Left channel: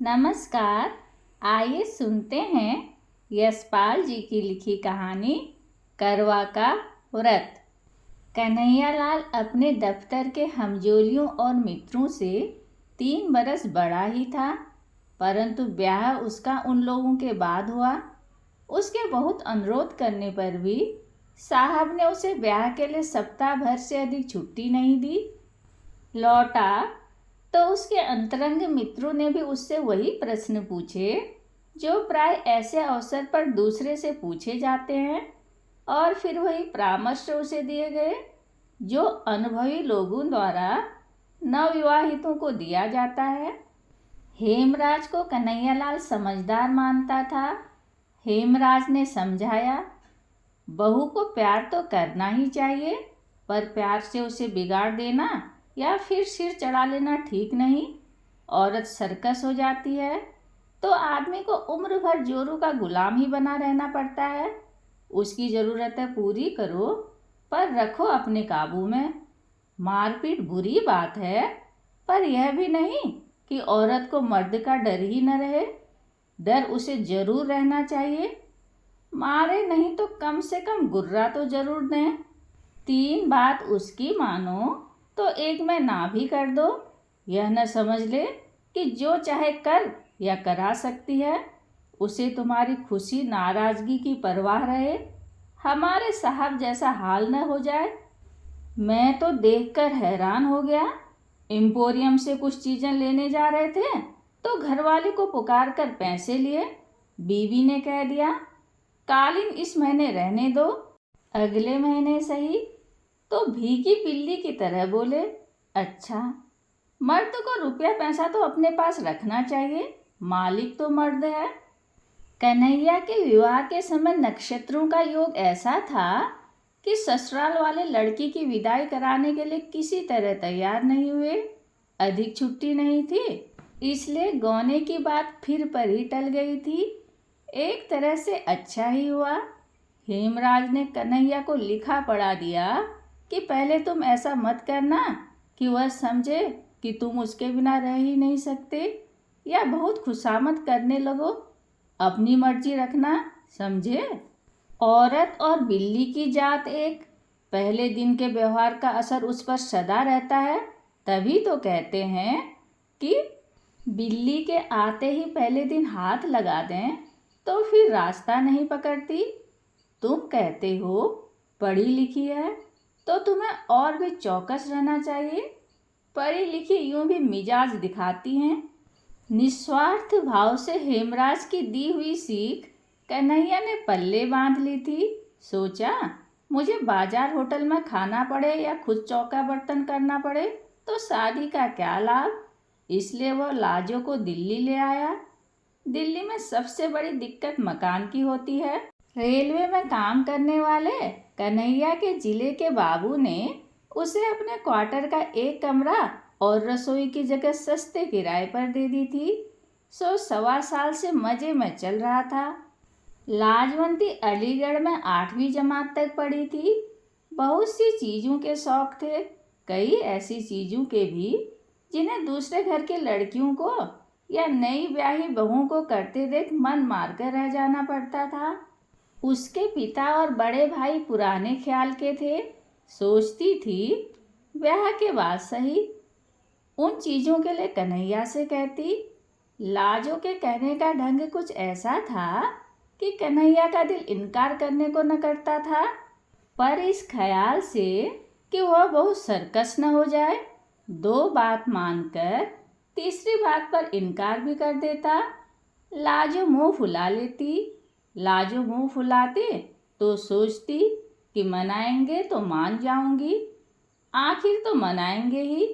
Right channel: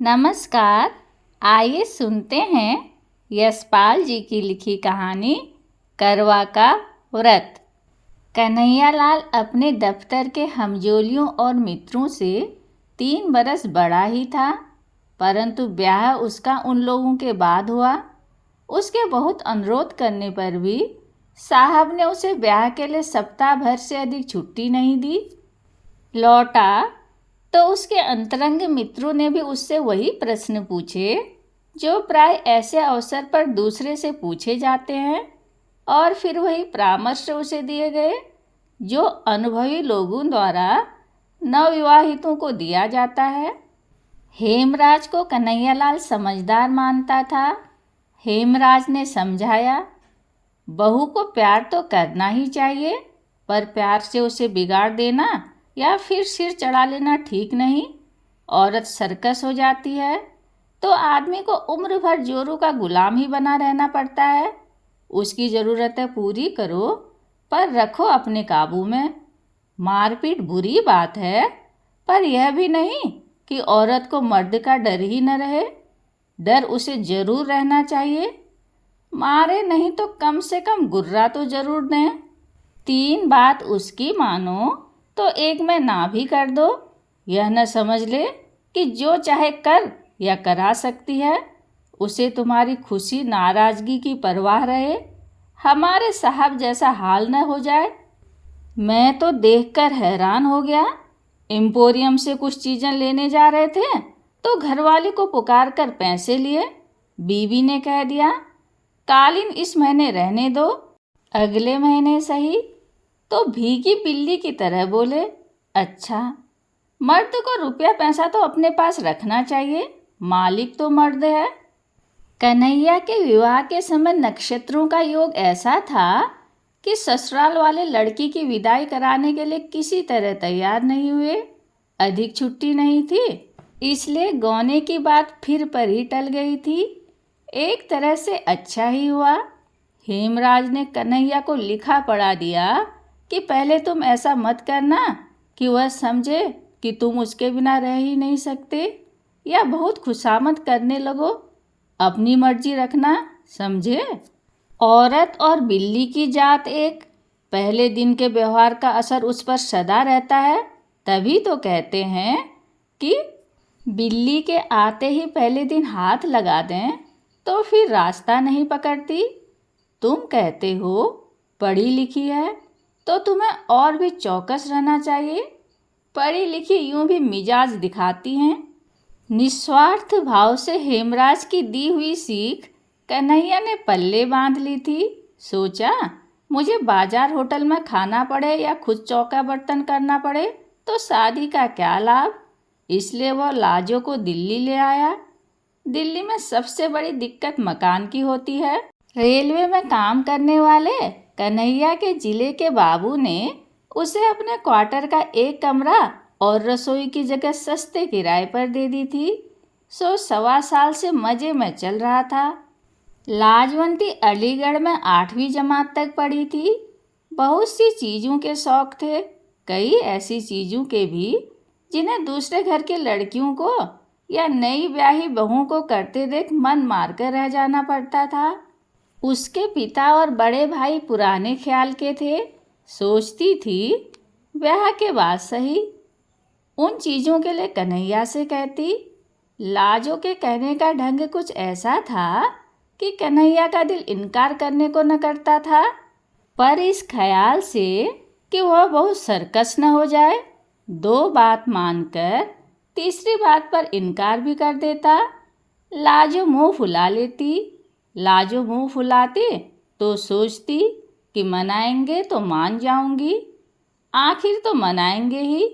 नमस्कार। आइए सुनते हैं यशपाल जी की लिखी कहानी करवा का व्रत। कन्हैयालाल अपने दफ्तर के हमजोलियों और मित्रों से 3 बरस बड़ा ही था, परंतु ब्याह उसका उन लोगों के बाद हुआ। उसके बहुत अनुरोध करने पर भी साहब ने उसे ब्याह के लिए सप्ताह भर से अधिक छुट्टी नहीं दी। लौटा तो उसके अंतरंग मित्रों ने भी उससे वही प्रश्न पूछे जो प्राय ऐसे अवसर पर दूसरे से पूछे जाते हैं, और फिर वही परामर्श उसे दिए गए जो अनुभवी लोगों द्वारा नवविवाहितों को दिया जाता है। हेमराज को कन्हैयालाल समझदार मानता था। हेमराज ने समझाया, बहू को प्यार तो करना ही चाहिए, पर प्यार से उसे बिगाड़ देना या फिर सिर चढ़ा लेना ठीक नहीं। औरत सर्कस हो जाती है तो आदमी को उम्र भर जोरू का गुलाम ही बना रहना पड़ता है। उसकी ज़रूरतें पूरी करो, पर रखो अपने काबू में। मारपीट बुरी बात है, पर यह भी नहीं कि औरत को मर्द का डर ही न रहे। डर उसे जरूर रहना चाहिए। मारे नहीं तो कम से कम गुर्रा तो जरूर दें। 3 बात उसकी मानो तो एक में ना भी कर दो। यह न समझ ले कि जो चाहे कर या करा सकती है। उसे तुम्हारी खुशी नाराजगी की परवाह रहे, हमारे साहब जैसा हाल न हो जाए। मैं तो देखकर हैरान हो गया। एम्पोरियम से कुछ चीज़ें लेने जा रहे थे तो घरवाली को पुकार कर पैसे लिए। बीवी ने कह दिया, कालीन इस महीने रहने दो, अगले महीने सही। तो भीगी बिल्ली की तरह बोले, अच्छा, मर्द को रुपया पैसा तो अपने पास रखना चाहिए, मालिक तो मर्द है। कन्हैया के विवाह के समय नक्षत्रों का योग ऐसा था कि ससुराल वाले लड़की की विदाई कराने के लिए किसी तरह तैयार नहीं हुए। अधिक छुट्टी नहीं थी, इसलिए गौने की बात फिर पर ही टल गई थी। एक तरह से अच्छा ही हुआ। हेमराज ने कन्हैया को लिखा पढ़ा दिया कि पहले तुम ऐसा मत करना कि वह समझे कि तुम उसके बिना रह ही नहीं सकते, या बहुत खुशामद करने लगो। अपनी मर्जी रखना, समझे। औरत और बिल्ली की जात एक। पहले दिन के व्यवहार का असर उस पर सदा रहता है। तभी तो कहते हैं कि बिल्ली के आते ही पहले दिन हाथ लगा दें तो फिर रास्ता नहीं पकड़ती। तुम कहते हो पढ़ी लिखी है, तो तुम्हें और भी चौकस रहना चाहिए। पढ़ी लिखी यूं भी मिजाज दिखाती हैं। निस्वार्थ भाव से हेमराज की दी हुई सीख कन्हैया ने पल्ले बांध ली थी। सोचा, मुझे बाजार होटल में खाना पड़े या खुद चौका बर्तन करना पड़े तो शादी का क्या लाभ। इसलिए वह लाजो को दिल्ली ले आया। दिल्ली में सबसे बड़ी दिक्कत मकान की होती है। रेलवे में काम करने वाले कन्हैया के जिले के बाबू ने उसे अपने क्वार्टर का एक कमरा और रसोई की जगह सस्ते किराए पर दे दी थी। सो 1.25 साल से मजे में चल रहा था। लाजवंती अलीगढ़ में 8वीं जमात तक पढ़ी थी। बहुत सी चीज़ों के शौक थे, कई ऐसी चीज़ों के भी जिन्हें दूसरे घर की लड़कियों को या नई ब्याही बहुओं को करते देख मन मारकर रह जाना पड़ता था। उसके पिता और बड़े भाई पुराने ख्याल के थे। सोचती थी ब्याह के बाद सही उन चीज़ों के लिए कन्हैया से कहती। लाजो के कहने का ढंग कुछ ऐसा था कि कन्हैया का दिल इनकार करने को न करता था, पर इस ख्याल से कि वह बहुत सर्कस न हो जाए, 2 बात मानकर तीसरी बात पर इनकार भी कर देता। लाजो मुंह फुला लेती। लाजो मुंह फुलाते तो सोचती कि मनाएंगे तो मान जाऊंगी, आखिर तो मनाएंगे ही।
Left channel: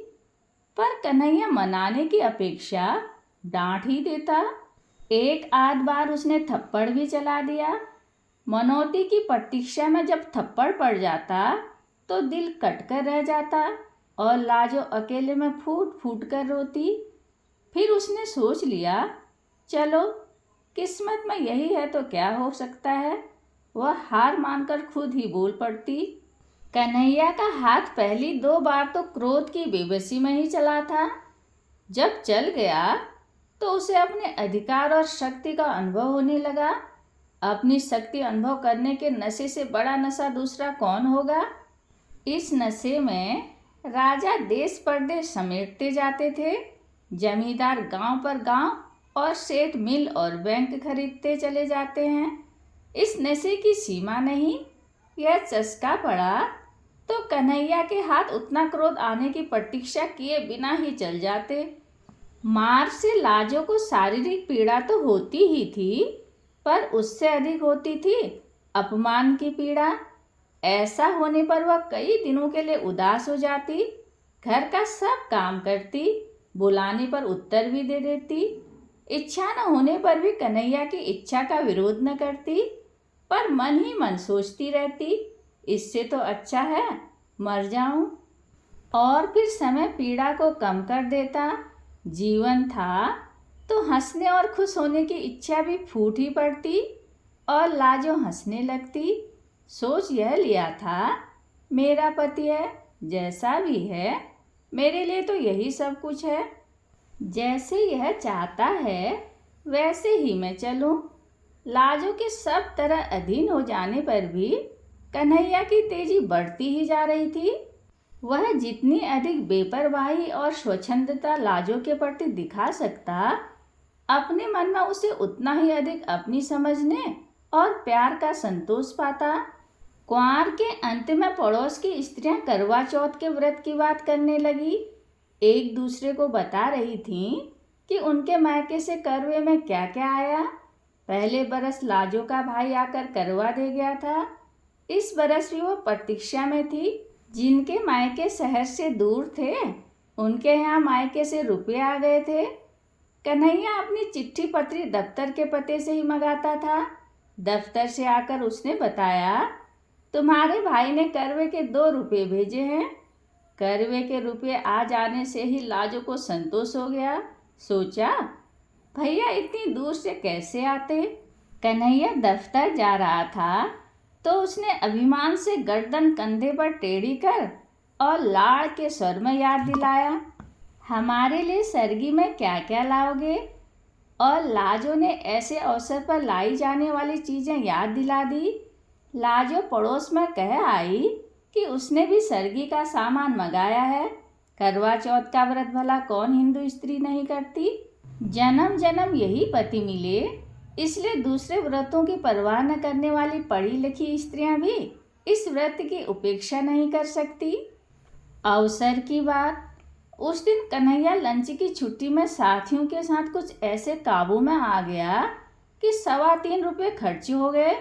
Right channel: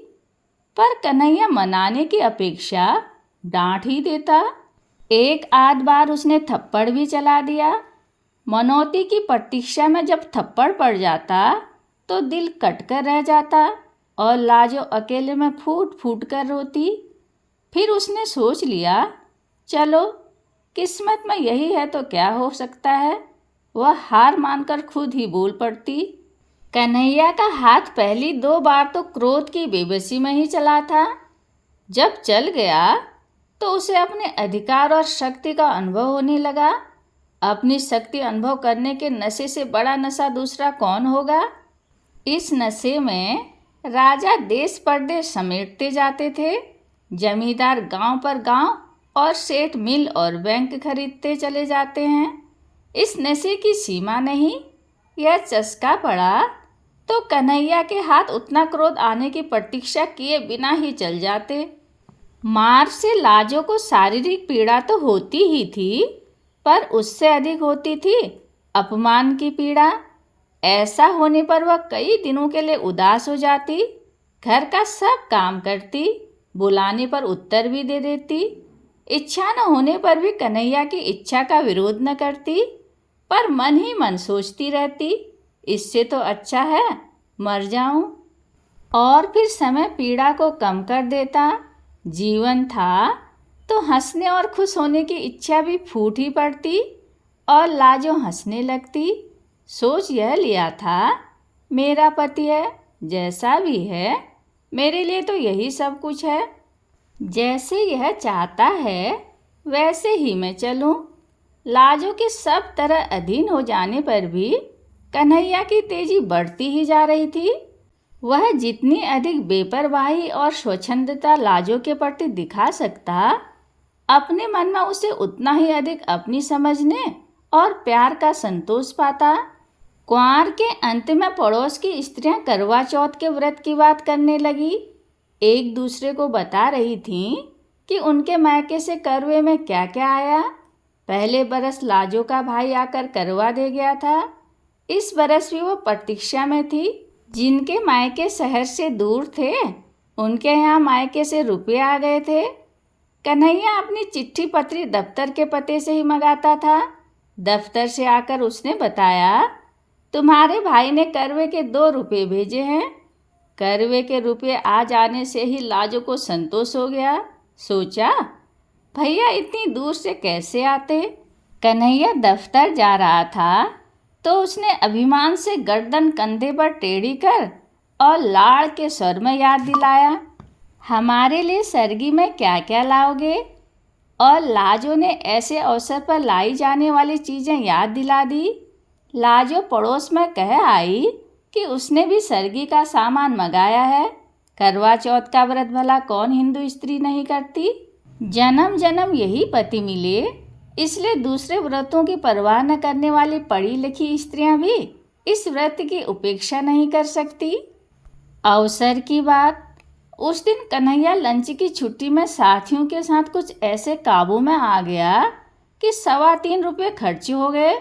पर कन्हैया मनाने की अपेक्षा डांट ही देता। एक आध बार उसने थप्पड़ भी चला दिया। मनौती की प्रतीक्षा में जब थप्पड़ पड़ जाता तो दिल कटकर रह जाता और लाजो अकेले में फूट फूट कर रोती। फिर उसने सोच लिया, चलो किस्मत में यही है तो क्या हो सकता है। वह हार मानकर खुद ही बोल पड़ती। कन्हैया का हाथ पहली 2 बार तो क्रोध की बेबसी में ही चला था। जब चल गया तो उसे अपने अधिकार और शक्ति का अनुभव होने लगा। अपनी शक्ति अनुभव करने के नशे से बड़ा नशा दूसरा कौन होगा। इस नशे में राजा देश परदेश समेटते जाते थे, जमींदार गांव पर गांव और सेठ मिल और बैंक खरीदते चले जाते हैं। इस नशे की सीमा नहीं। यह चस्का पड़ा तो कन्हैया के हाथ उतना क्रोध आने की प्रतीक्षा किए बिना ही चल जाते। मार से लाजो को शारीरिक पीड़ा तो होती ही थी, पर उससे अधिक होती थी अपमान की पीड़ा। ऐसा होने पर वह कई दिनों के लिए उदास हो जाती, घर का सब काम करती, बुलाने पर उत्तर भी दे देती, इच्छा न होने पर भी कन्हैया की इच्छा का विरोध न करती, पर मन ही मन सोचती रहती, इससे तो अच्छा है मर जाऊं। और फिर समय पीड़ा को कम कर देता। जीवन था तो हंसने और खुश होने की इच्छा भी फूट ही पड़ती और लाजो हंसने लगती। सोच यह लिया था, मेरा पति है, जैसा भी है मेरे लिए तो यही सब कुछ है, जैसे यह चाहता है वैसे ही मैं चलूं। लाजो के सब तरह अधीन हो जाने पर भी कन्हैया की तेजी बढ़ती ही जा रही थी। वह जितनी अधिक बेपरवाही और स्वच्छंदता लाजो के प्रति दिखा सकता, अपने मन में उसे उतना ही अधिक अपनी समझने और प्यार का संतोष पाता। कुंवार के अंत में पड़ोस की स्त्रियां करवा चौथ के व्रत की बात करने लगी। एक दूसरे को बता रही थीं कि उनके मायके से करवे में क्या क्या आया। पहले बरस लाजो का भाई आकर करवा दे गया था। इस बरस भी वो प्रतीक्षा में थी। जिनके मायके शहर से दूर थे, उनके यहाँ मायके से रुपये आ गए थे। कन्हैया अपनी चिट्ठी पत्री दफ्तर के पते से ही मंगाता था। दफ्तर से आकर उसने बताया, तुम्हारे भाई ने करवे के 2 रुपये भेजे हैं। करवे के रुपये आ जाने से ही लाजो को संतोष हो गया। सोचा, भैया इतनी दूर से कैसे आते। कन्हैया दफ्तर जा रहा था तो उसने अभिमान से गर्दन कंधे पर टेढ़ी कर और लाड़ के स्वर में याद दिलाया, हमारे लिए सरगी में क्या क्या लाओगे। और लाजो ने ऐसे अवसर पर लाई जाने वाली चीज़ें याद दिला दी। लाजो पड़ोस में कह आई कि उसने भी सरगी का सामान मंगाया है। करवा चौथ का व्रत भला कौन हिंदू स्त्री नहीं करती। जन्म जन्म यही पति मिले, इसलिए दूसरे व्रतों की परवाह न करने वाली पढ़ी लिखी स्त्रियां भी इस व्रत की उपेक्षा नहीं कर सकती। अवसर की बात, उस दिन कन्हैया लंच की छुट्टी में साथियों के साथ कुछ ऐसे काबू में आ गया कि 3.25 रुपये खर्च हो गए।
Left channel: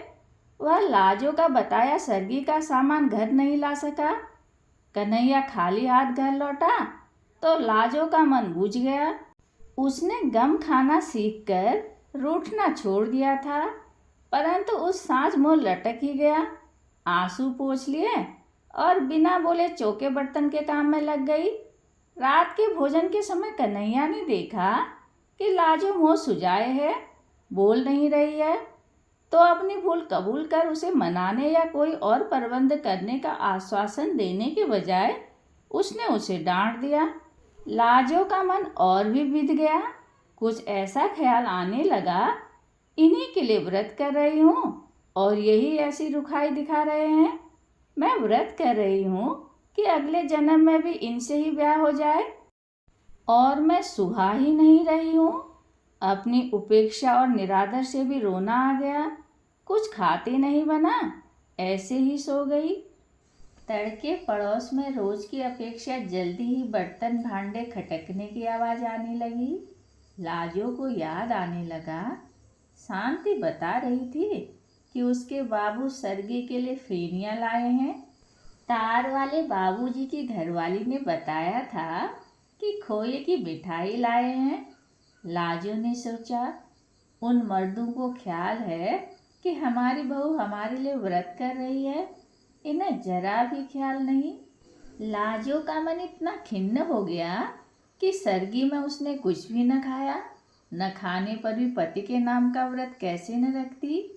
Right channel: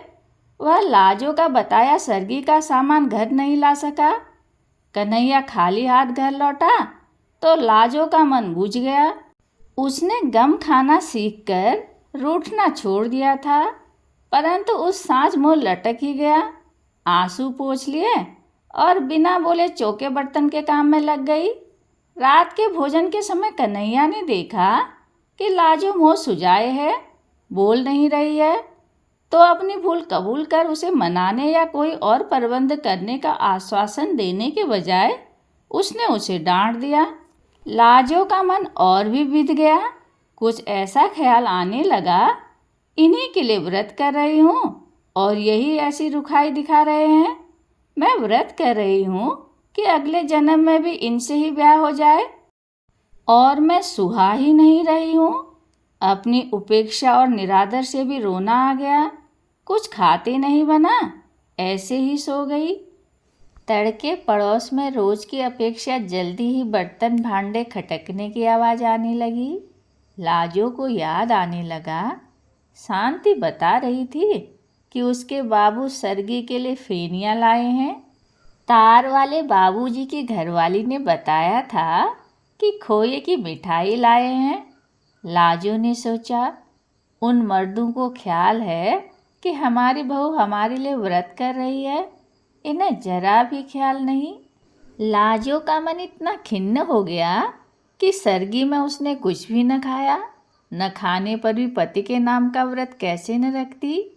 वह लाजो का बताया सरगी का सामान घर नहीं ला सका। कन्हैया खाली हाथ घर लौटा तो लाजो का मन बुझ गया। उसने गम खाना सीखकर रूठना छोड़ दिया था, परंतु उस सांझ मुंह लटक ही गया। आंसू पोंछ लिए और बिना बोले चौके बर्तन के काम में लग गई। रात के भोजन के समय कन्हैया ने देखा कि लाजो मुंह सुजाए है, बोल नहीं रही है, तो अपनी भूल कबूल कर उसे मनाने या कोई और प्रबंध करने का आश्वासन देने के बजाय उसने उसे डांट दिया। लाजो का मन और भी बिध गया। कुछ ऐसा ख्याल आने लगा, इन्हीं के लिए व्रत कर रही हूँ और यही ऐसी रुखाई दिखा रहे हैं। मैं व्रत कर रही हूँ कि अगले जन्म में भी इनसे ही ब्याह हो जाए, और मैं सुहा ही नहीं रही हूँ। अपनी उपेक्षा और निरादर से भी रोना आ गया। कुछ खाते नहीं बना, ऐसे ही सो गई। तड़के पड़ोस में रोज की अपेक्षा जल्दी ही बर्तन भांडे खटकने की आवाज़ आने लगी। लाजो को याद आने लगा, शांति बता रही थी कि उसके बाबू सरगी के लिए फेनियाँ लाए हैं। तार वाले बाबूजी की घरवाली ने बताया था कि खोए की मिठाई लाए हैं। लाजो ने सोचा, उन मर्दों को ख्याल है कि हमारी बहू हमारे लिए व्रत कर रही है, इन्हें जरा भी ख्याल नहीं। लाजो का मन इतना खिन्न हो गया कि सरगी में उसने कुछ भी न खाया। न खाने पर भी पति के नाम का व्रत कैसे न रखती।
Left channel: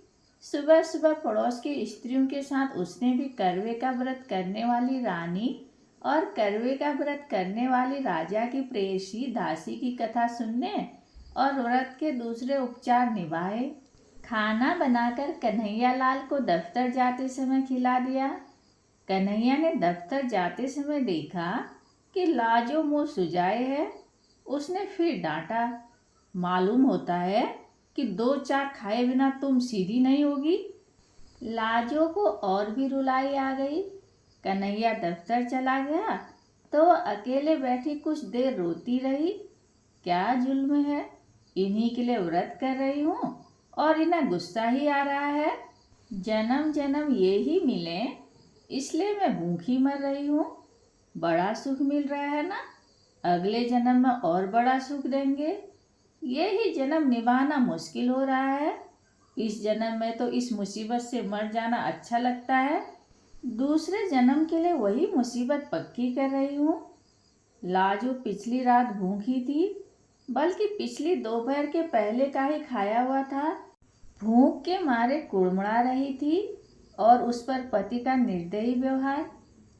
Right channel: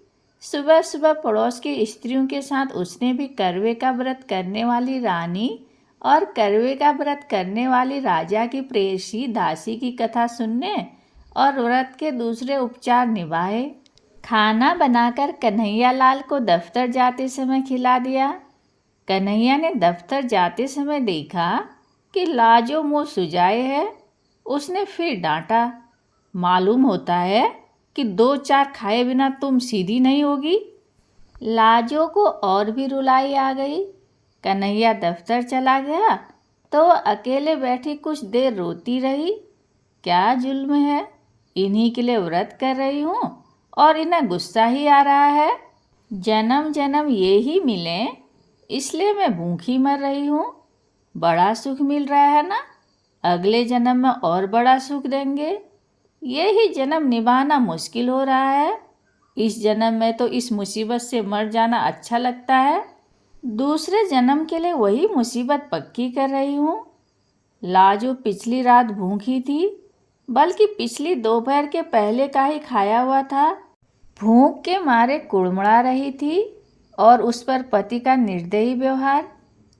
सुबह सुबह पड़ोस की स्त्रियों के साथ उसने भी करवे का व्रत करने वाली रानी और करवे का व्रत करने वाली राजा की प्रेयसी दासी की कथा सुनने और व्रत के दूसरे उपचार निभाए। खाना बनाकर कन्हैया लाल को दफ्तर जाते समय खिला दिया। कन्हैया ने दफ्तर जाते समय देखा कि लाजो मुँह सुजाए है। उसने फिर डांटा, मालूम होता है कि 2-4 खाए बिना तुम सीधी नहीं होगी। लाजो को और भी रुलाई आ गई। कन्हैया दफ्तर चला गया तो वह अकेले बैठी कुछ देर रोती रही। क्या जुल्म है, इन्हीं के लिए व्रत कर रही हूँ और इन्हें गुस्सा ही आ रहा है। जन्म जन्म ये ही मिले, इसलिए मैं भूखी मर रही हूँ। बड़ा सुख मिल रहा है ना, अगले जन्म में और बड़ा सुख देंगे। ये ही जन्म निभाना मुश्किल हो रहा है। इस जन्म में तो इस मुसीबत से मर जाना अच्छा लगता है, दूसरे जन्म के लिए वही मुसीबत पक्की कर रही हूँ। लाजो पिछली रात भूखी थी, बल्कि पिछली दोपहर के पहले का ही खाया हुआ था। भूख के मारे कुड़मुड़ा रही थी और उस पर पति का निर्दयी व्यवहार।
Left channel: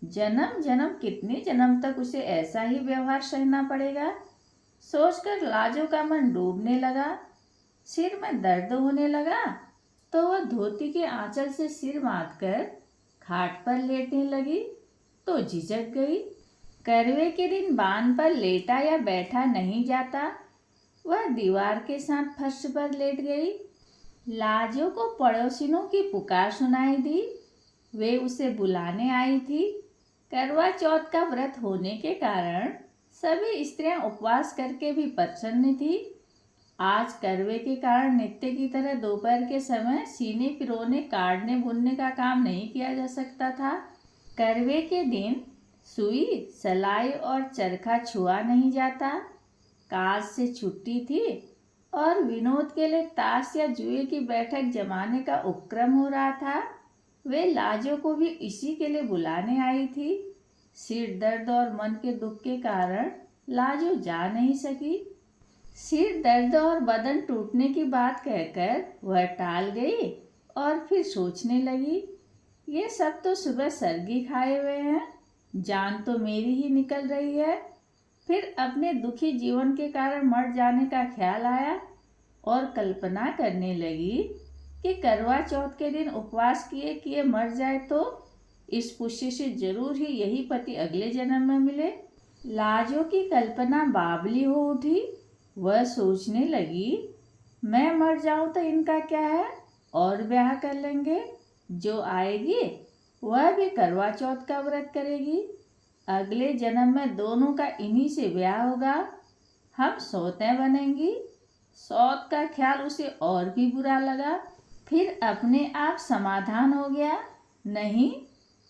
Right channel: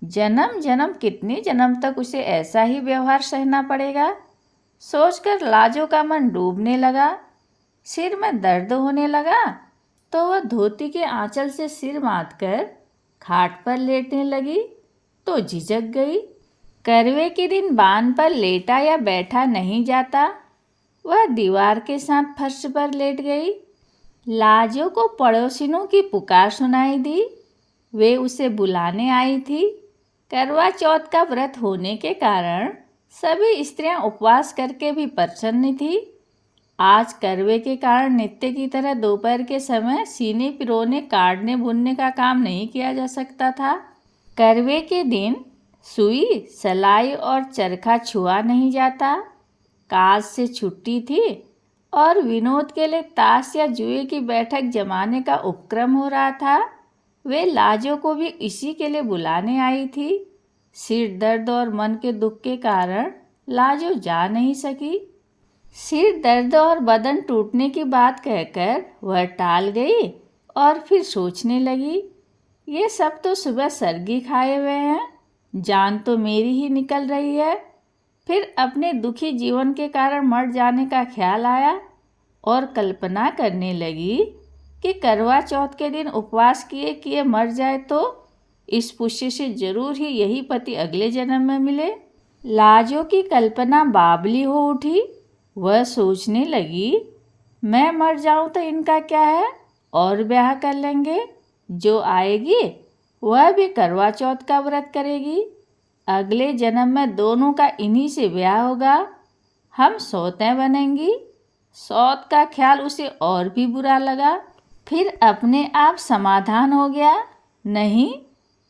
जन्म जन्म कितने जन्म तक उसे ऐसा ही व्यवहार सहना पड़ेगा, सोचकर लाजो का मन डूबने लगा। सिर में दर्द होने लगा तो वह धोती के आंचल से सिर बांधकर खाट पर लेटने लगी तो झिझक गई। करवे के दिन बांध पर लेटा या बैठा नहीं जाता। वह दीवार के साथ फर्श पर लेट गई। लाजो को पड़ोसिनों की पुकार सुनाई दी। वे उसे बुलाने आई थी। करवा चौथ का व्रत होने के कारण सभी स्त्रियां उपवास करके भी प्रसन्न थी। आज करवे के कारण नित्य की तरह दोपहर के समय सीने पिरोने काटने बुनने का काम नहीं किया जा सकता था। करवे के दिन सुई सलाई और चरखा छुआ नहीं जाता। काज से छुट्टी थी और विनोद के लिए ताश या जुए की बैठक जमाने का उपक्रम हो रहा था। वे लाजो को भी इसी के लिए बुलाने आई थी। सिर दर्द और मन के दुख के कारण लाजो जा नहीं सकी। सिर दर्द और बदन टूटने की बात कहकर वह टाल गई और फिर सोचने लगी, ये सब तो सुबह सरगी खाए हुए हैं, जान तो मेरी ही निकल रही है। फिर अपने दुखी जीवन के कारण मर जाने का ख्याल आया और कल्पना करने लगी कि करवा चौथ के दिन उपवास किए किए मर जाए तो इस पुष्य से जरूर ही यही पति अगले जन्म में मिले। लाजो की कल्पना बावली हो उठी। वह सोचने लगी, मैं मर जाऊं तो इनका क्या है, और ब्याह कर लेंगे। जो आएगी वह भी करवा चौथ का व्रत करेगी। अगले जन्म में दोनों का इन्हीं से ब्याह होगा। हम सौतें बनेंगी। सौत का ख्याल उसे और भी बुरा लगा। फिर अपने आप समाधान हो गया, नहीं,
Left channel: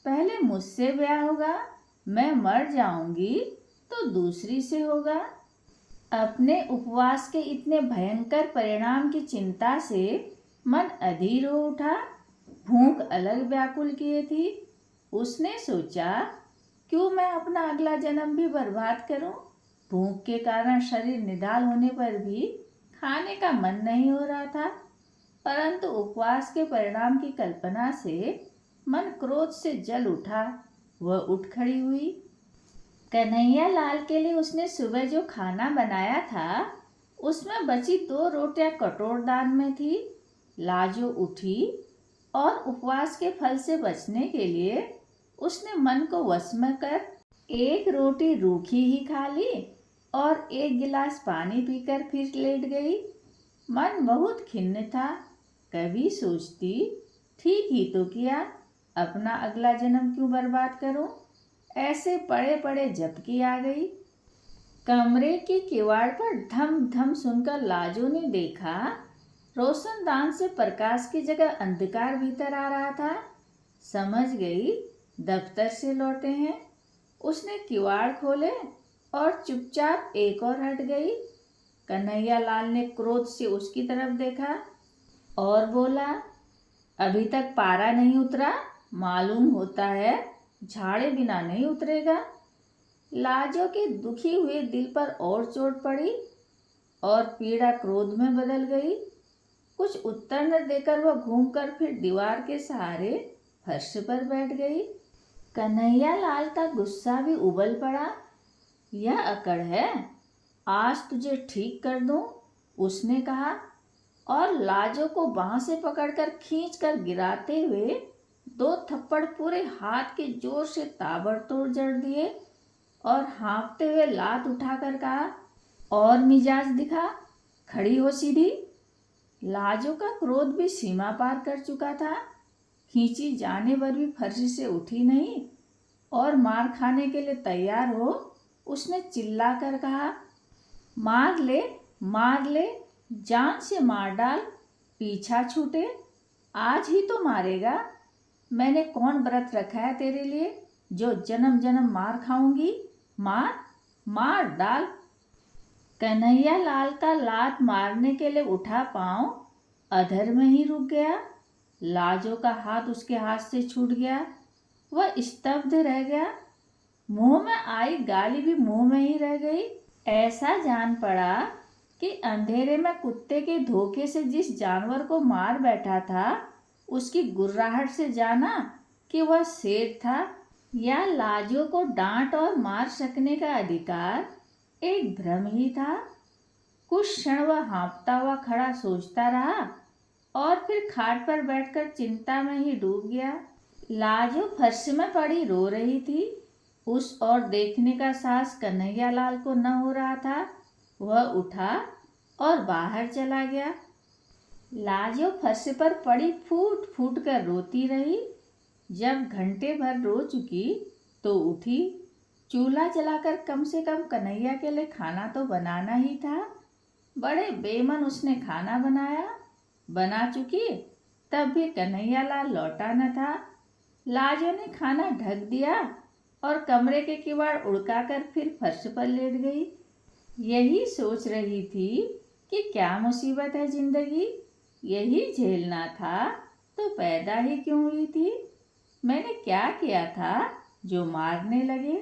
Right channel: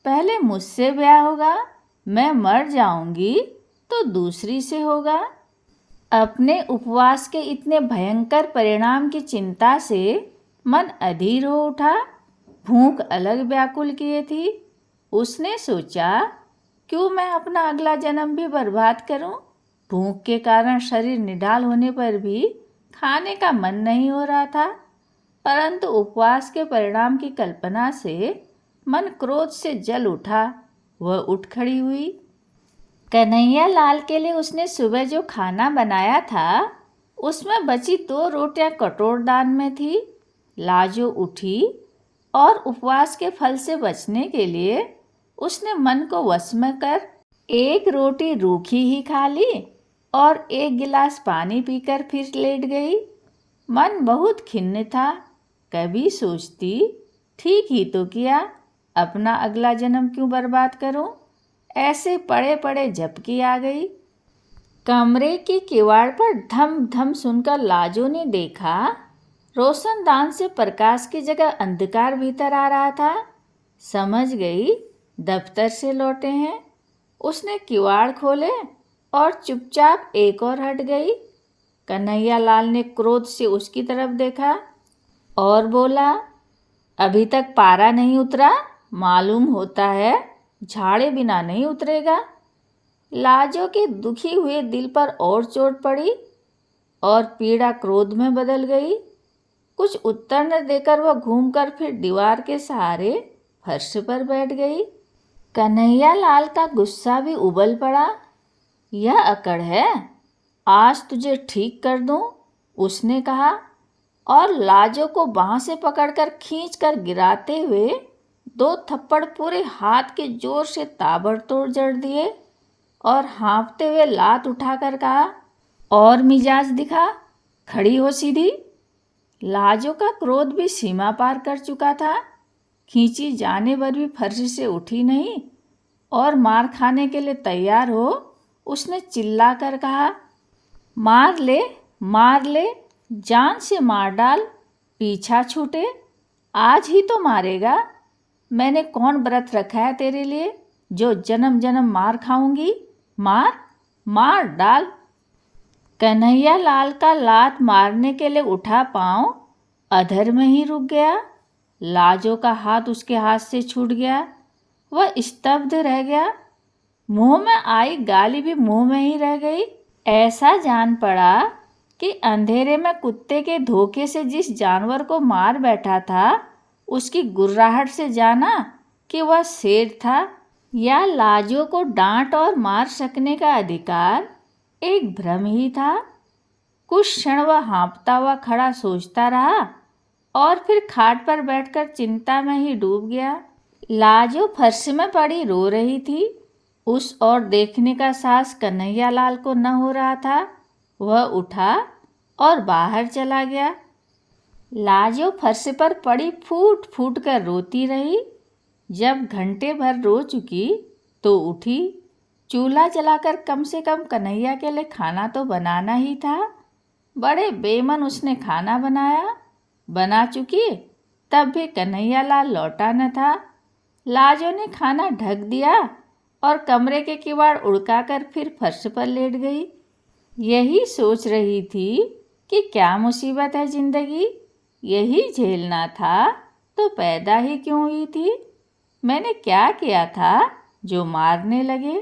पहले मुझसे ब्याह होगा। मैं मर जाऊंगी तो दूसरी से होगा। अपने उपवास के इतने भयंकर परिणाम की चिंता से मन अधीर हो उठा। भूख अलग व्याकुल किए थी। उसने सोचा, क्यों मैं अपना अगला जन्म भी बर्बाद करूं। भूख के कारण शरीर निढाल होने पर भी खाने का मन नहीं हो रहा था, परंतु उपवास के परिणाम की कल्पना से मन क्रोध से जल उठा। वह उठ खड़ी हुई। कन्हैया लाल के लिए उसने सुबह जो खाना बनाया था उसमें बची 2 रोटियां कटोरदान में थी। लाजो उठी और उपवास के फल से बचने के लिए उसने मन को वश में कर 1 रोटी रूखी ही खा ली और 1 गिलास पानी पीकर फिर लेट गई। मन बहुत खिन्न था। कभी सोचती, ठीक ही तो किया, अपना अगला जन्म क्यों बर्बाद करूं। ऐसे पड़े पड़े झपकी आ गई। कमरे की किवाड़ पर धम धम सुनकर लाजो ने देखा, रोशनदान से प्रकाश की जगह अंधकार भीतर आ रहा था। समझ गई दफ्तर से लौटे हैं। उसने किवाड़ खोले और चुपचाप एक और हट गई। कन्हैया लाल ने क्रोध से उसकी तरफ देखा और बोला, अभी तक पारा नहीं उतरा, मालूम होता है झाड़े बिना नहीं उतरेगा। लाजो के दुखी हुए दिल पर और चोट पड़ी और पीड़ा क्रोध में बदल गई। कुछ उत्तर न देकर वह घूमकर फिर दीवार के सहारे फर्श पर बैठ गई। कन्हैया लाल का गुस्सा भी उबल पड़ा। यह अकड़ है, आज तुझे ठीक कर दूं। उसने कहा, और लाजो को बांह से पकड़कर खींचकर गिराते हुए 2 थप्पड़ पूरे हाथ के जोर से ताबड़तोड़ जड़ दिए और हाँफते हुए लात उठाकर कहा, और मिजाज दिखा, खड़ी हो सीधी। लाजो का क्रोध भी सीमा पार कर चुका था। खींची जाने पर भी फर्श से उठी नहीं और मार खाने के लिए तैयार हो उसने चिल्लाकर कहा, मार ले, जान से मार डाल, पीछा छूटे, आज ही तो मारेगा। मैंने कौन व्रत रखा है तेरे लिए जो जन्म जन्म मार खाऊंगी? मार डाल। कन्हैया लाल का लात मारने के लिए उठा पांव अधर में ही रुक गया। लाजो का हाथ उसके हाथ से छूट गया। वह स्तब्ध रह गया। मुंह में आई गाली भी मुंह में ही रह गई। ऐसा जान पड़ा कि अंधेरे में कुत्ते के धोखे से जिस जानवर को मार बैठा था उसकी गुर्राहट से जाना कि वह शेर था। या लाजो को डांट और मार सकने का अधिकार एक भ्रम ही था। कुछ क्षण वह हाँफता हुआ खड़ा सोचता रहा और फिर खाट पर बैठकर चिंता में ही डूब गया। लाजो फर्श में पड़ी रो रही थी। उस ओर देखने का साहस कन्हैया लाल को न हो रहा था। वह उठा और बाहर चला गया। लाजो फर्श पर पड़ी फूट फूट कर रोती रही। जब घंटे भर रो चुकी तो उठी। चूल्हा जलाकर कम से कम कन्हैया के लिए खाना तो बनाना ही था। बड़े बेमन उसने खाना बनाया। बना चुकी तब भी कन्हैया लाल लौटा न था। लाजो ने खाना ढक दिया और कमरे के किवाड़ उड़काकर फिर फर्श पर लेट गई। यही सोच रही थी कि क्या मुसीबत है जिंदगी, यही झेलना था तो पैदा ही क्यों हुई थी। मैंने क्या किया था जो मारने लगे।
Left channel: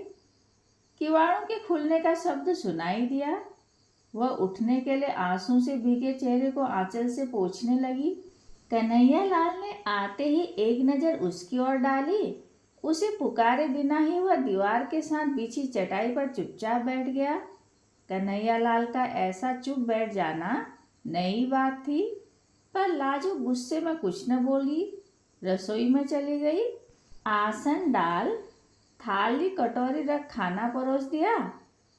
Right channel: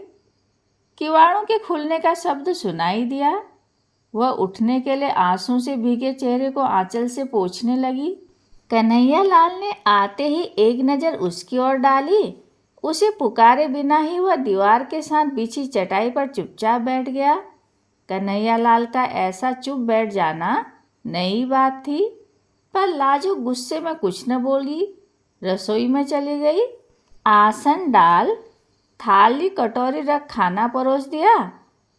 किवाड़ों के खुलने का शब्द सुनाई दिया। वह उठने के लिए आंसू से भीगे चेहरे को आंचल से पोंछने लगी। कन्हैया लाल ने आते ही एक नज़र उसकी ओर डाली। उसे पुकारे बिना ही वह दीवार के साथ बिछी चटाई पर चुपचाप बैठ गया। कन्हैया लाल का ऐसा चुप बैठ जाना नई बात थी, पर लाजो गुस्से में कुछ न बोली। रसोई में चली गई। आसन डाल, थाली कटोरी रख खाना परोस दिया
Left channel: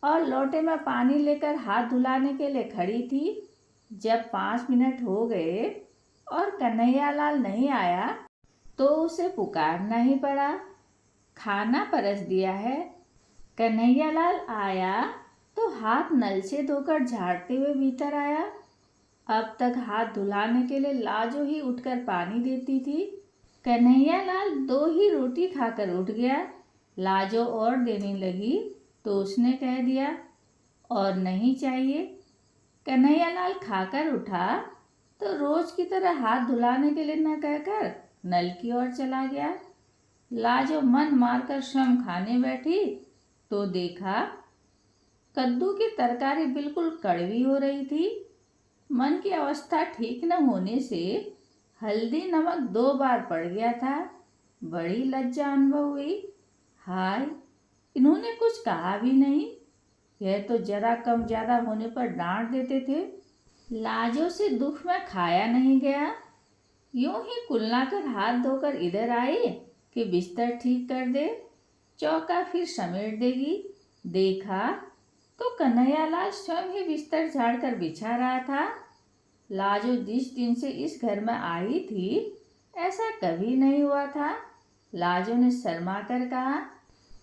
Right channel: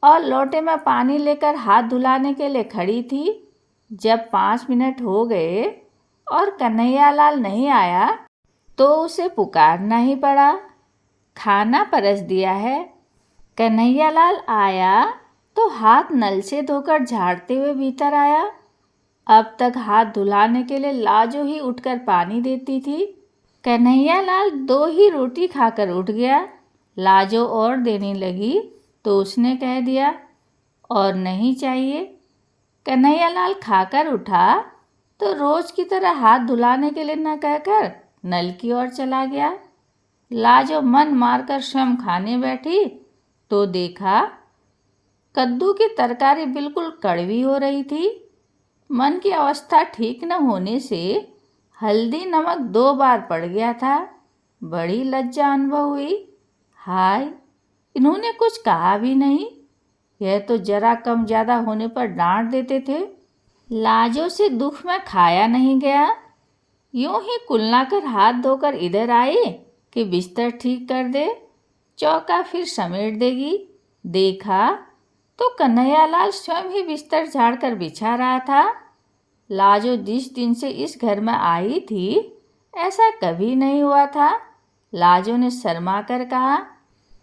और लोटे में पानी लेकर हाथ धुलाने के लिए खड़ी थी। जब 5 मिनट हो गए और कन्हैया लाल नहीं आया तो उसे पुकारना ही पड़ा। खाना परस दिया है। कन्हैया लाल आया तो हाथ नल से धोकर झाड़ते हुए भीतर आया। अब तक हाथ धुलाने के लिए लाजो ही उठकर पानी देती थी। कन्हैया लाल 2 ही रोटी खाकर उठ गया। लाजो और देने लगी तो उसने कह दिया, और नहीं चाहिए। कन्हैया लाल खाकर उठा तो रोज की तरह हाथ धुलाने के लिए न कहकर नल की ओर चला गया। लाजो मन मारकर स्वयं खाने बैठी तो देखा कद्दू की तरकारी बिल्कुल कड़वी हो रही थी। मन की अवस्था ठीक न होने से हल्दी नमक 2 बार पड़ गया था। बड़ी लज्जा अनुभव हुई। हाय, इन्होंने कुछ कहा भी नहीं। यह तो जरा कम ज़्यादा होने पर डांट देते थे। लाजो से दुख में खाया नहीं गया। यूं ही कुल्ला कर हाथ धोकर इधर आई कि बिस्तर ठीक कर दे, चौका फिर समेट देगी। देखा तो कन्हैया लाल स्वयं ही बिस्तर झाड़कर बिछा रहा था। लाजो जिस दिन से इस घर में आई थी ऐसा कभी नहीं हुआ था। लाजो ने शर्मा कर कहा,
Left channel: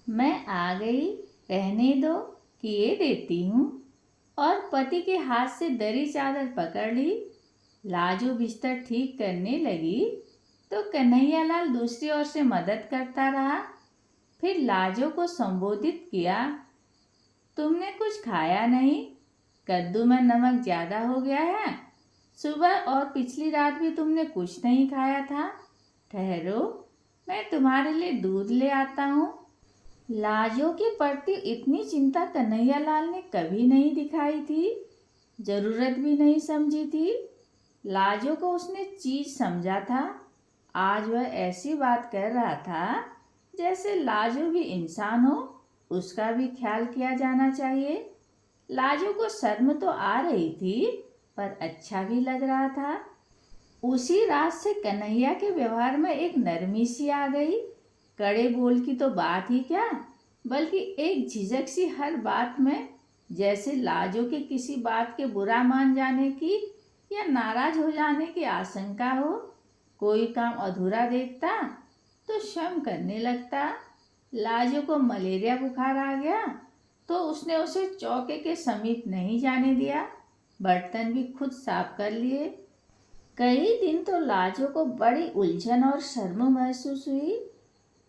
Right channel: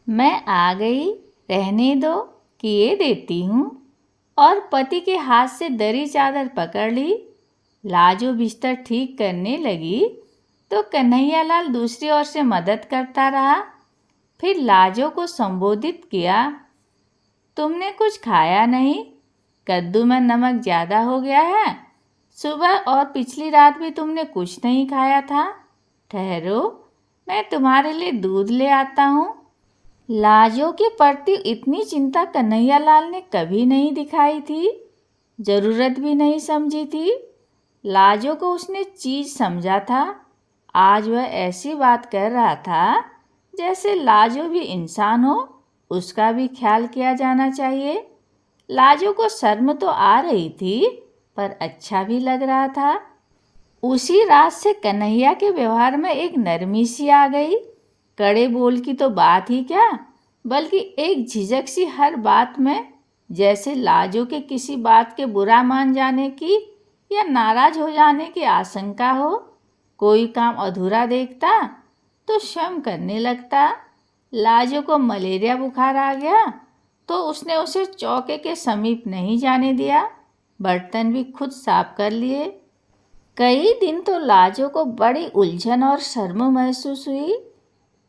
मैं आ गई, रहने दो, किए देती हूँ, और पति के हाथ से दरी चादर पकड़ ली। लाजो बिस्तर ठीक करने लगी तो कन्हैया लाल दूसरी ओर से मदद करता रहा। फिर लाजो को संबोधित किया, तुमने कुछ खाया नहीं, कद्दू में नमक ज़्यादा हो गया है। सुबह और पिछली रात भी तुमने कुछ नहीं खाया था। ठहरो, मैं तुम्हारे लिए दूध ले आता हूँ। लाजो के प्रति इतनी चिंता कन्हैया लाल ने कभी नहीं दिखाई थी, ज़रूरत भी नहीं समझी थी। लाजो को उसने चीज़ समझा था। आज वह ऐसी बात कर रहा था जैसे लाजो भी इंसान हो, उसका भी ख्याल किया जाना चाहिए। लाजो को शर्म तो आ रही थी पर अच्छा भी लग रहा था। उसी रात से कन्हैया के व्यवहार में एक नरमी सी आ गई। कड़े बोल की तो बात ही क्या, बल्कि एक झिझक सी हर बात में, जैसे लाजो के किसी बात के बुरा मान जाने की या नाराज हो जाने की आशंका हो। कोई काम अधूरा देखता तो शर्म करने लगता। लाजो को मलेरिया बुखार आ गया तो उसने उसे चौके के समीप नहीं जाने दिया। बर्तन भी खुद साफ कर लिए। कई दिन तो लाजो को बड़ी उलझन और शर्म महसूस हुई,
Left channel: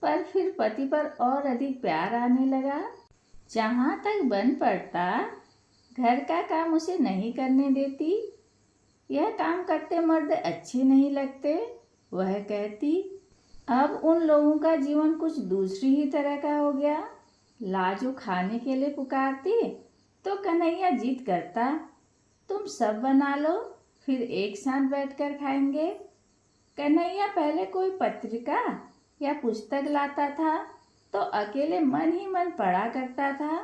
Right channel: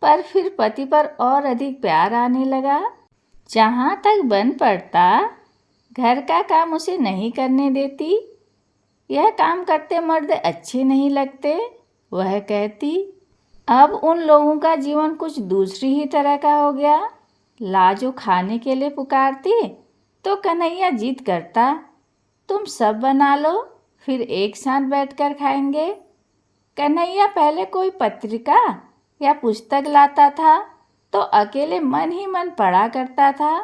पर फिर पति पर और अधिक प्यार आने लगा। जहाँ तक बन पड़ता, घर का काम उसे नहीं करने देती। यह काम करते मर्द अच्छे नहीं लगते, वह कहती। अब उन लोगों का जीवन कुछ दूसरी ही तरह का हो गया। लाजो खाने के लिए पुकारती तो कन्हैया जिद करता, तुम सब बना लो, फिर एक साथ बैठकर खाएंगे। कन्हैया पहले कोई पत्रिका या पुस्तक लाता था तो अकेले मन ही मन पढ़ा करता था।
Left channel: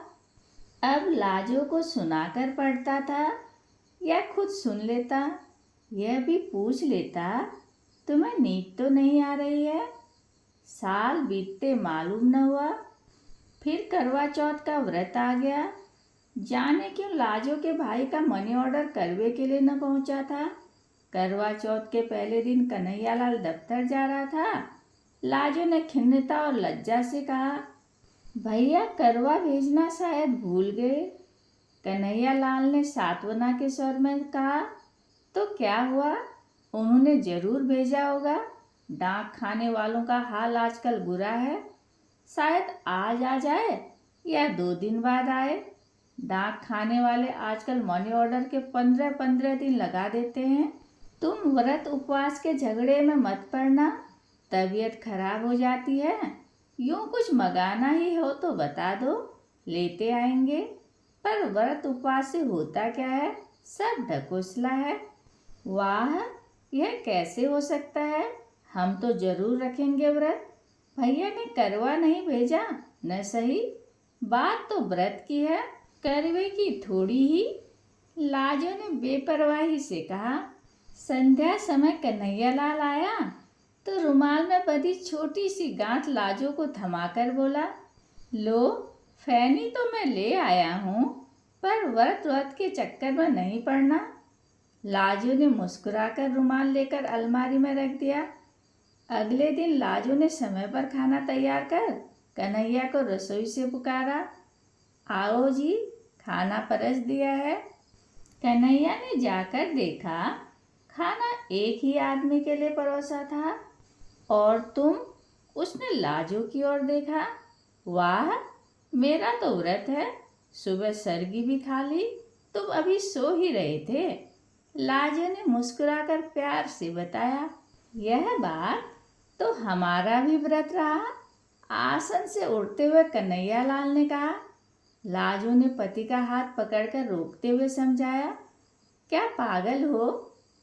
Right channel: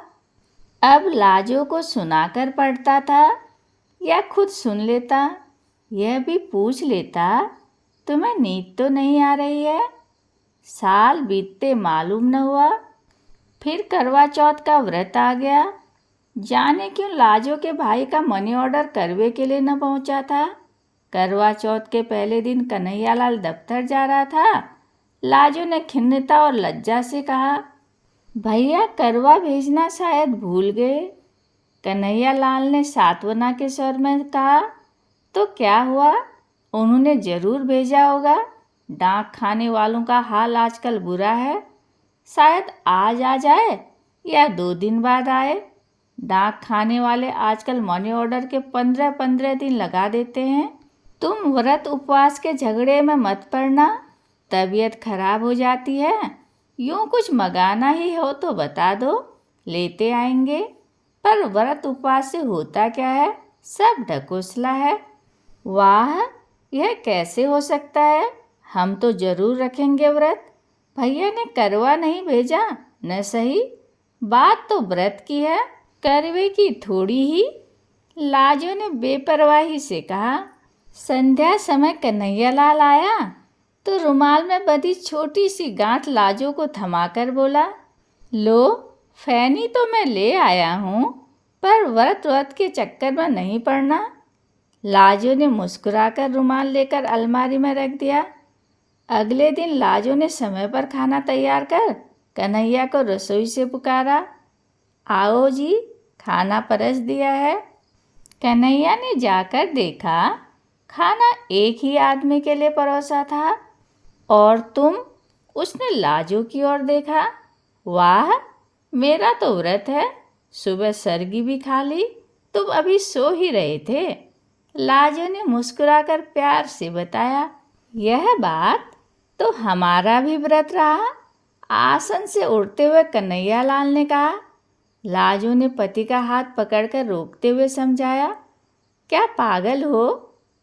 अब लाजो को सुनाकर पढ़ता था या खुद सुन लेता। यह भी पूछ लेता, तुम्हें नींद तो नहीं आ रही है? साल बीतते मालूम न हुआ। फिर करवा चौथ का व्रत आ गया। जाने क्यों लाजो के भाई का मनी ऑर्डर करवे के लिए न पहुंचा था। करवा चौथ के पहले दिन कन्हैयालाल दफ्तर जा रहा था। लाजो ने खिन्नता और लज्जा से कहा, भैया करवा भेजना शायद भूल गए। कन्हैयालाल ने सांत्वना के स्वर में कहा, तो क्या हुआ, उन्होंने जरूर भेजा होगा। डाक खाने वालों का हाल आजकल बुरा है। शायद आज आ जाए या 2 दिन बाद आए। डाक खाने वाले आजकल मनी ऑर्डर के 15-15 दिन लगा देते हैं। तुम व्रत उपवास के झगड़े में मत पड़ना, तबीयत खराब हो जाती है। यूँ कुछ मंगाना ही हो तो बता दो, लेते आएंगे। पर व्रत उपवास से होता क्या है, सब ढकोसला है। वाह, यह कैसे हो सकता है? हम तो जरूर रखेंगे व्रत। भैया ने करवा नहीं भेजा न सही, बात तो व्रत की है, करवे की थोड़ी ही। लाजो ने बेपरवाही से कहा। संध्या समय कन्हैयालाल आया तो रुमाल में बंधी छोटी सी गांठ लाजो को थमाकर बोला, लो, फैनी तो मैं ले आया हूँ, पर व्रत के चक्कर में नहीं पड़ना। लाजो ने मुस्कुराकर रुमाल लेकर अलमारी में रख दिया। अगले दिन लाजो ने समय पर खाना तैयार कर कन्हैया को रसोई से पुकारा, आओ जी, खाना परस दिया है। कन्हैया ने जाकर देखा, खाना एक ही आदमी के लिए परोसा था। और तुम? उसने लाजो की ओर देखा। वाह, मेरा तो व्रत है, सुबह सरगी भी खा ली, तुम अभी सो ही रहे थे। लाजो ने मुस्कुराकर प्यार से बताया। यह बात तो हमारा भी व्रत रहा, आसन से उठते हुए कन्हैयालाल ने कहा। लाजो ने पति का हाथ पकड़कर रोकते हुए समझाया, क्या पागल हो,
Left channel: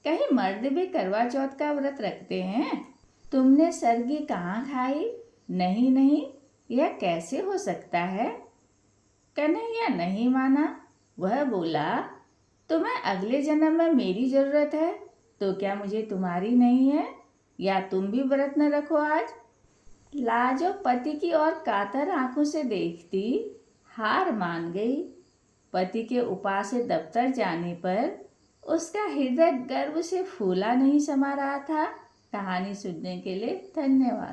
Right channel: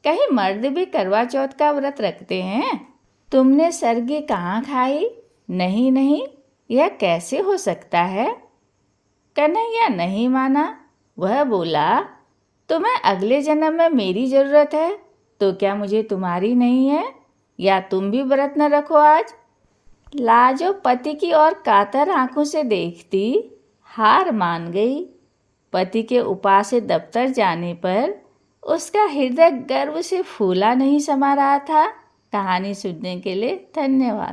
कहीं मर्द भी करवा चौथ का व्रत रखते हैं? तुमने सरगी कहाँ खाई? नहीं नहीं, यह कैसे हो सकता है? कन्हैया नहीं माना। वह बोला, तुम्हें अगले जन्म में मेरी ज़रूरत है तो क्या मुझे तुम्हारी नहीं है? या तुम भी व्रत न रखो आज? लाजो पति की ओर कातर आंखों से देखती हार मान गई। पति के उपास से दफ्तर जाने पर उसका हृदय गर्व से फूला नहीं समा रहा था। कहानी सुनने के लिए धन्यवाद।